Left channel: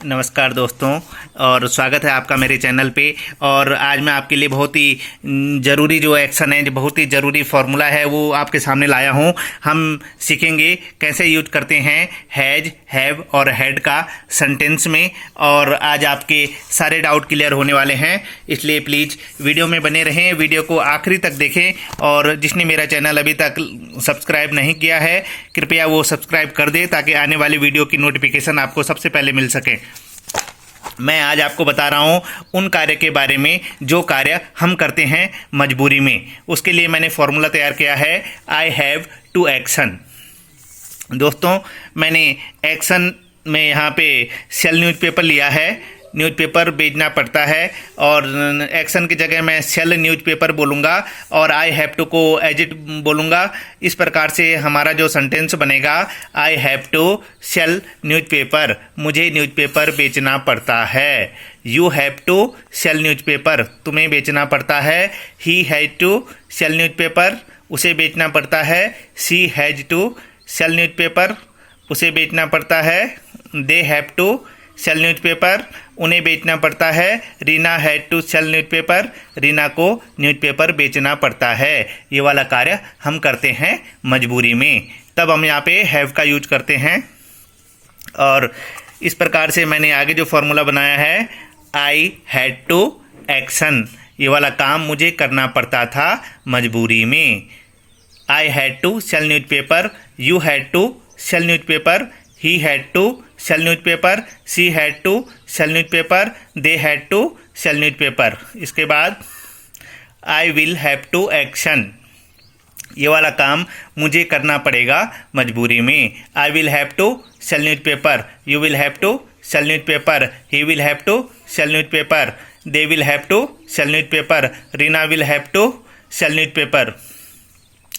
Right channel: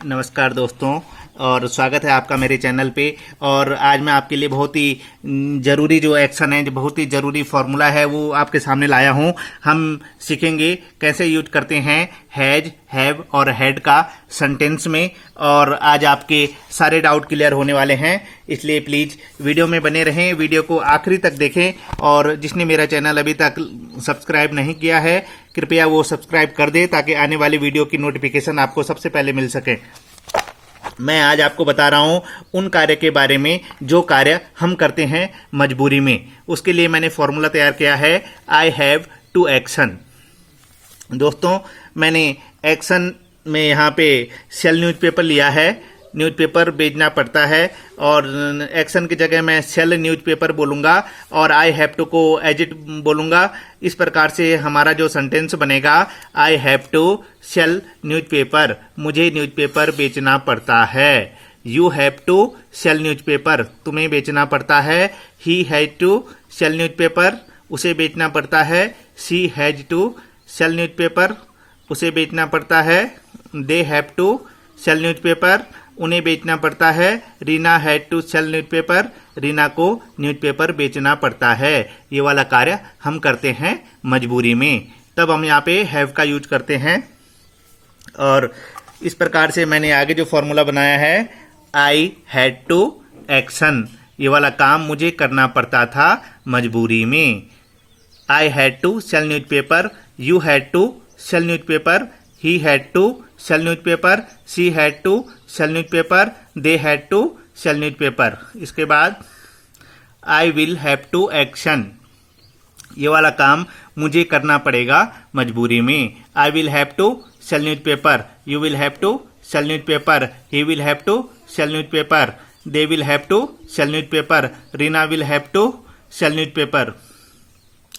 नमस्कार दोस्तों, और स्वागत है आपका मेरे चैनल पे। और आज मैं आपके लिए बहुत ही ज़रूरी जो एक्शन है, जो बहुत ही ज़रूरी फार्मूला है, वो आपके सामने लाया हूँ। हम सीखेंगे कैसे यूज करते हैं हैज, हैव और हैड का सेंटेंस में। और आज आपके सारे डाउट क्लियर होने वाले हैं, इसलिए प्लीज़ वीडियो में बने रहें, वीडियो को आखिरी तक देखें। और जिसने मेरा चैनल अभी तक सब्सक्राइब नहीं किया है, कृपया वो सब्सक्राइब कर दे, ताकि आने वाली वीडियो की नोटिफिकेशन आपको सबसे पहले मिल सके। मैं आज आपको बता रहा हूँ उन कार्य के बारे में जो कार्य हम करते हैं मजबूरी में। उसके लिए मैंने फॉर्मूला तैयार किया है, आई हैव टू एक्शन। दोस्तों, मैंने एक्शन में यहाँ पे सेल न्यूज़पेपर लिया है। न्यूज़पेपर बेचना पड़ता है, और एक्शन की जगह मैं सेल न्यूज़पेपर बोलूँगा और आई हैव टू को एज इट बोलूँगा। इस प्रकार से हमारा जो सेंटेंस बनेगा, I have to sell newspaper, मुझे न्यूज़पेपर बेचना पड़ता है। You have to sell newspaper, तुम्हें बेचना पड़ता है। He has to sell newspaper, उसे बेचना पड़ता है। She has to sell newspaper, उसे बेचना पड़ता है। They have to sell newspaper, उन्हें बेचना पड़ता है। Reena had to sell newspaper, Reena को न्यूज़पेपर बेचना पड़ता है। ये वाला कार्य हम करते हैं मजबूरी में, तब हम यहाँ पे हैव का यूज करते हैं। और इस प्रकार से मैंने आगे जो फॉर्मूला बनाया है, आई हैड टू एक्शन, ये वाला काम मुझे करना पड़ता था मजबूरी में। I had to sell newspaper, you had to sell newspaper, he had to sell newspaper, she had to sell newspaper, they had to sell newspaper। इसके बाद I will have to action, ये वाला काम मुझे करना पड़ेगा मजबूरी में। I will have to sell newspaper, you will have to sell newspaper, he will have to sell newspaper, they will have to sell newspaper, Reena will have to sell newspaper।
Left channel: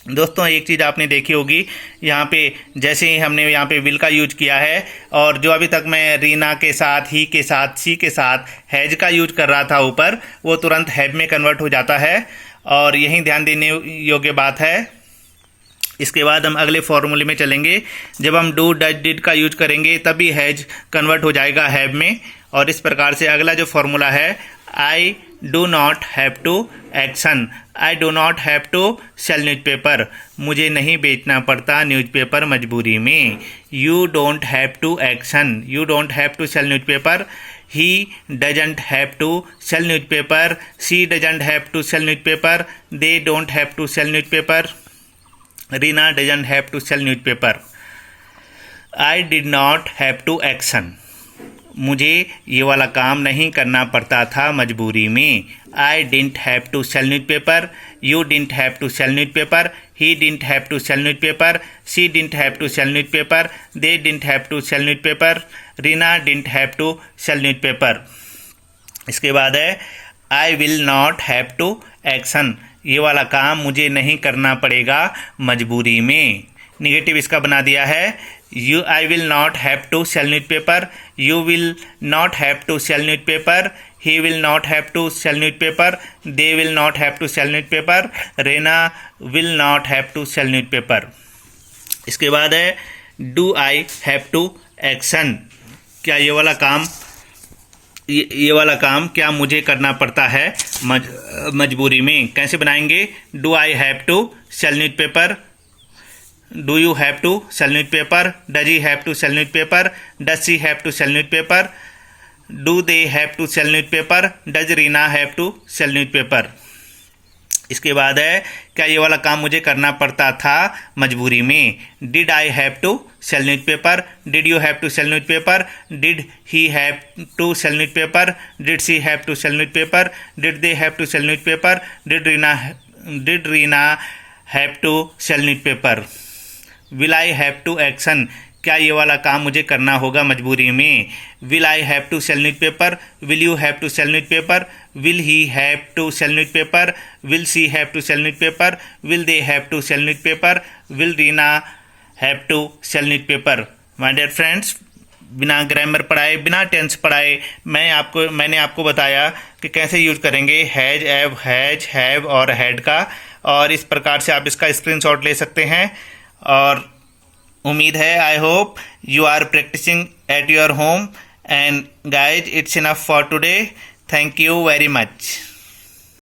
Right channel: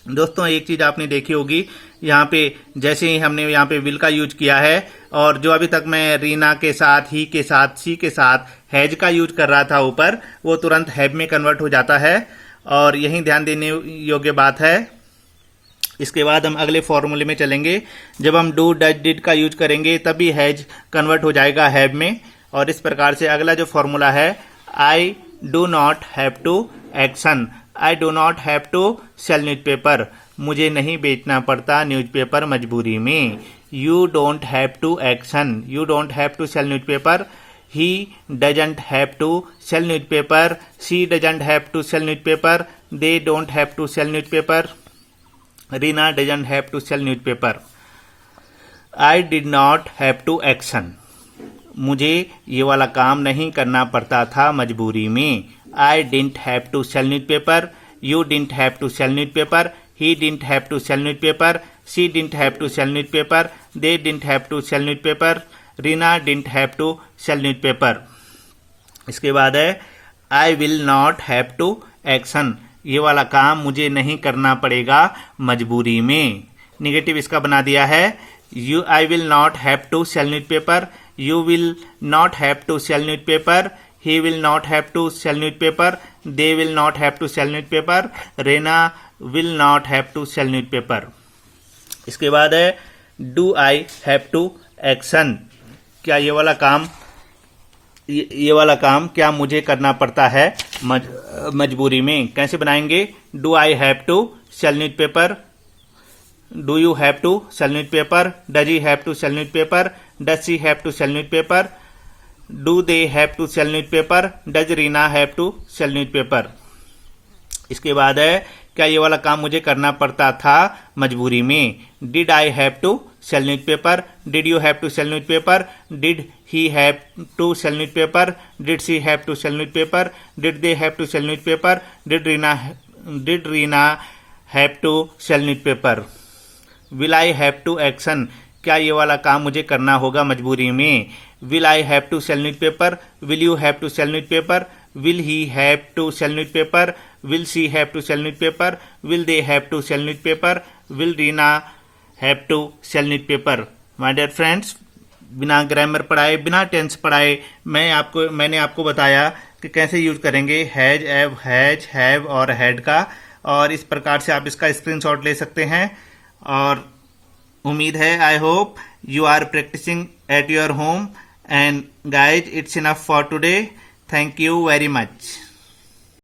दोस्तों, एक चीज़ आपने देखी होगी, यहाँ पे जैसे ही हमने यहाँ पे विल का यूज किया है, और जो अभी तक मैं रीना के साथ, ही के साथ, सी के साथ हैज का यूज कर रहा था ऊपर, वो तुरंत हैव में कन्वर्ट हो जाता है, और यही ध्यान देने योग्य बात है। इसके बाद हम अगले फॉर्मूले में चलेंगे। जब हम डू, डज, डिड का यूज करेंगे तभी हैज कन्वर्ट हो जाएगा हैव में। और इस प्रकार से अगला जो फॉर्मूला है, I do not have to action, I do not have to sell newspaper, मुझे नहीं बेचना पड़ता न्यूज़पेपर मजबूरी में। You don't have to action, you don't have to sell newspaper, he doesn't have to sell newspaper, she doesn't have to sell newspaper, they don't have to sell newspaper, Reena doesn't have to sell newspaper. I did not have to action, मुझे ये वाला काम नहीं करना पड़ता था मजबूरी में। I didn't have to sell newspaper, you didn't have to sell newspaper, he didn't have to sell newspaper, she didn't have to sell newspaper, they didn't have to sell newspaper, Reena didn't have to sell newspaper. इसके बाद है, I will not have to action, ये वाला काम मुझे नहीं करना पड़ेगा मजबूरी में। निगेटिव इसका बना दिया है, you I will not have to sell newspaper, you will not have to sell newspaper, he will not have to sell newspaper, they will not have to sell newspaper, Reena will not have to sell newspaper। इसके बाद है, do I have to action, क्या ये वाला काम क्या मुझे करना पड़ता है मजबूरी में। कैसे बनाएंगे, do I have to sell newspaper, do you have to sell newspaper, does he have to sell newspaper, does she have to sell newspaper, do they have to sell newspaper, does Reena have to sell newspaper। इसके बाद है, क्या ये वाला काम मुझे करना पड़ता था मजबूरी में। did I have to sell newspaper, did you have to sell newspaper, did he have to sell newspaper, did she have to sell newspaper, did they have to sell newspaper, did Reena have to sell newspaper। Will I have to action, क्या ये वाला काम मुझे करना होगा मजबूरी में। Will I have to sell newspaper, will you have to sell newspaper, will he have to sell newspaper, will she have to sell newspaper, will they have to sell newspaper, will Reena have to sell newspaper. My dear friends, बिना grammar पढ़ाए, बिना tense पढ़ाए मैंने आपको बताया कि कैसे use करेंगे हैज, एव, हैज, हैव और हैड का। और इस प्रकार से आप इसका स्क्रीनशॉट ले सकते हैं। और उम्मीद है, I hope you are practising at your home And guys, it's enough for today. Thank you very much.